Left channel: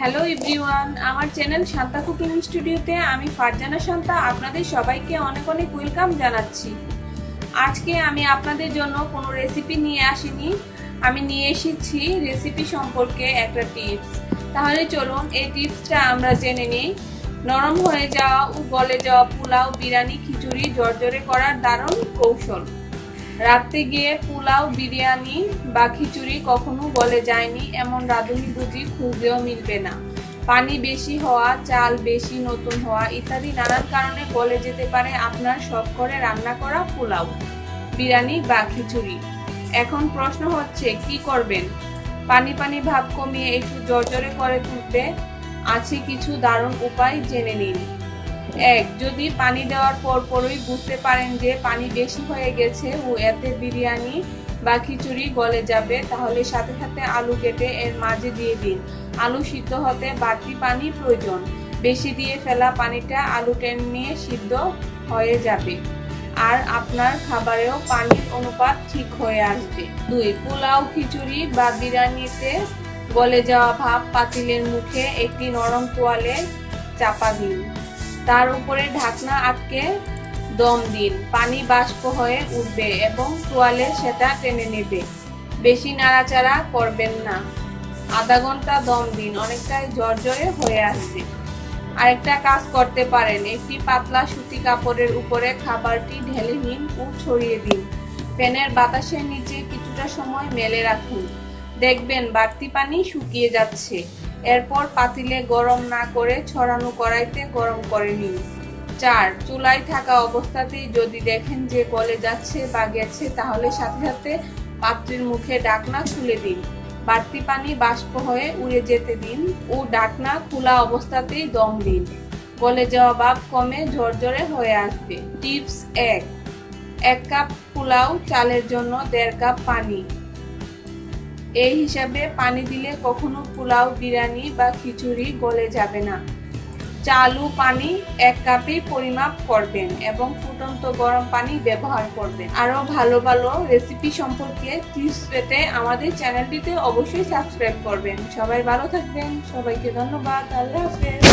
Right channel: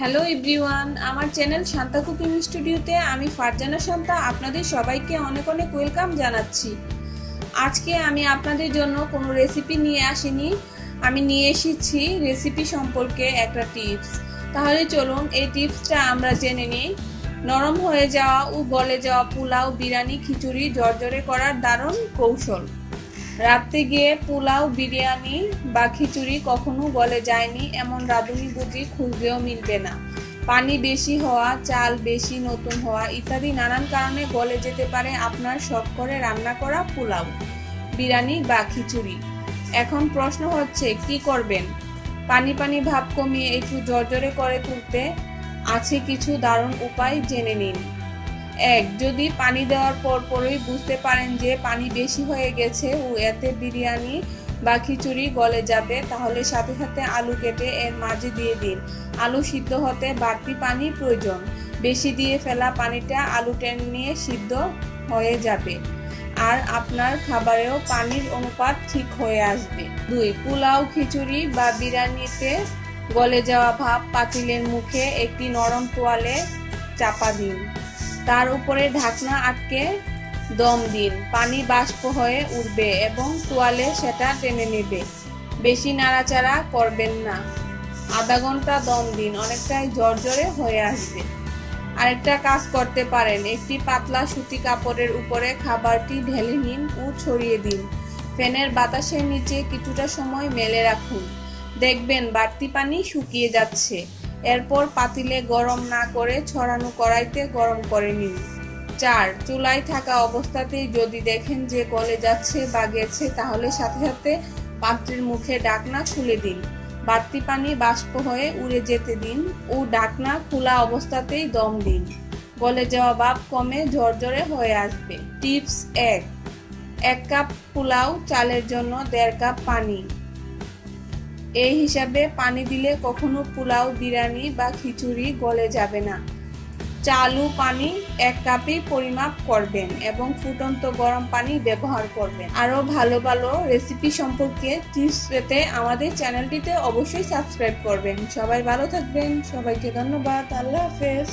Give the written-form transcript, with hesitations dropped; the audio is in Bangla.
হ্যালো এভরিওয়ান, আমার চ্যানেল শান্তা কুকিং স্টুডিওতে আমি ফারজানা শান্তা আপনাদের সবাইকে অনেক অনেক ওয়েলকাম জানাচ্ছি। আজকে আমি আপনাদের জন্য কোনো রেসিপি নিয়ে আসিনি, আমি নিয়ে এসেছি রেসিপি সম্পর্কে একটা টিপস। তাহলে চলুন এই টিপসটা আমরা জেনে নিই। নরম হয়ে যাওয়া ও গলে যাওয়া পোলাও, বিরিয়ানি, খিচুড়ি ঝরঝরে করার দারুণ কৌশল। রাতে গিয়ে পোলাও, বিরিয়ানি বা খিচুড়ি কখনো গলে যায়নি এমন রাঁধুনি বুঝি খুঁজলেও মিলবে না। পানি বেশি হওয়া, চাল বেশি নতুন হওয়া ইত্যাদি নানান কারণে গলে যেতে পারে আপনার শখ করে রান্না করা পোলাও, বিরিয়ানি বা খিচুড়ি। এখন প্রশ্ন হচ্ছে কি করবেন? পানি পানি ভাব কমিয়ে একটু ঝরঝরে করে তুলতে আছে কিছু দারুণ উপায়, জেনে নিন। 1. যদি পানি দেওয়ার পরই বুঝতে পারেন যে পানি বেশি হয়ে গেছে ও এতে বিরিয়ানি বা খিচুড়ি গলে যাবে, তাহলে সাথে সাথে আলু কেটে এর মাঝে দিয়ে দিন। আলু সিদ্ধ হতে বাড়তি পানি প্রয়োজন, বেশি দিয়ে ফেলা পানিটা আলু টেনে নিয়ে সিদ্ধ হয়ে যাবে আর আপনার খাবারেও পানির অনুপাত ঠিক হয়ে আসবে। 2. পোলাও, খিচুড়ি বা বিরিয়ানিতে গলে যাওয়া ভাব পাতিলের মুখে একটি নরম তোয়ালে চাপা দিন, তার উপরে ঢাকনা আটকে দম দিন। পানি বাষ্প হয়ে উঠবে এবং তোয়ালে সেটা টেনে নেবে। বেশি নাড়াচাড়া করবেন না। আধা ঘন্টা দম দিন, অনেকটাই ঝরঝরে হয়ে আসবে। আরেকটা কাজ করতে পারেন, একটি পাতলা সুতি কাপড়ের উপরে খাবারটি ঢেলে নিন ও ছড়িয়ে দিন। ফ্যানের বাতাসের নিচে কিছুটা সময় মেলে রাখুন, দেখবেন বাড়তি পানি শুকিয়ে যাচ্ছে। এরপর পাতিলে গরম না করে ছড়ানো কড়াইতে গরম করে নিন। 4. চুলায় থাকা অবস্থাতেই যদি দেখেন যে গলে যাচ্ছে বা গেছে, তাহলে সাথে সাথে পাত্রের মুখে ঢাকনা খুলে দিন। বাড়তি পানি বাষ্প হয়ে উড়ে যেতে দিন ও ঢাকনা খোলা অবস্থাতেই দম দিন। গলে যাওয়া ভাব কমে ঝরঝরে হয়ে আসবে। টিপস 1. 1 কাপ পোলাও চালের জন্য 1.5 কাপ পানি। এই হিসাবে পানি দিলে কখনো পোলাও, বিরিয়ানি বা খিচুড়ি গলে যাবে না। চাল ও পানি 1 কাপেই পরিমাপ করবেন এবং ফুটন্ত গরম পানি ব্যবহার করবেন। আরো ভালো ভালো রেসিপি সম্পর্কে টিপস পেতে আমাদের চ্যানেলটিতে অবশ্যই সাবস্ক্রাইব করবেন। সবাই ভালো থাকবেন, সবাইকে ধন্যবাদ, আল্লাহ হাফেজ।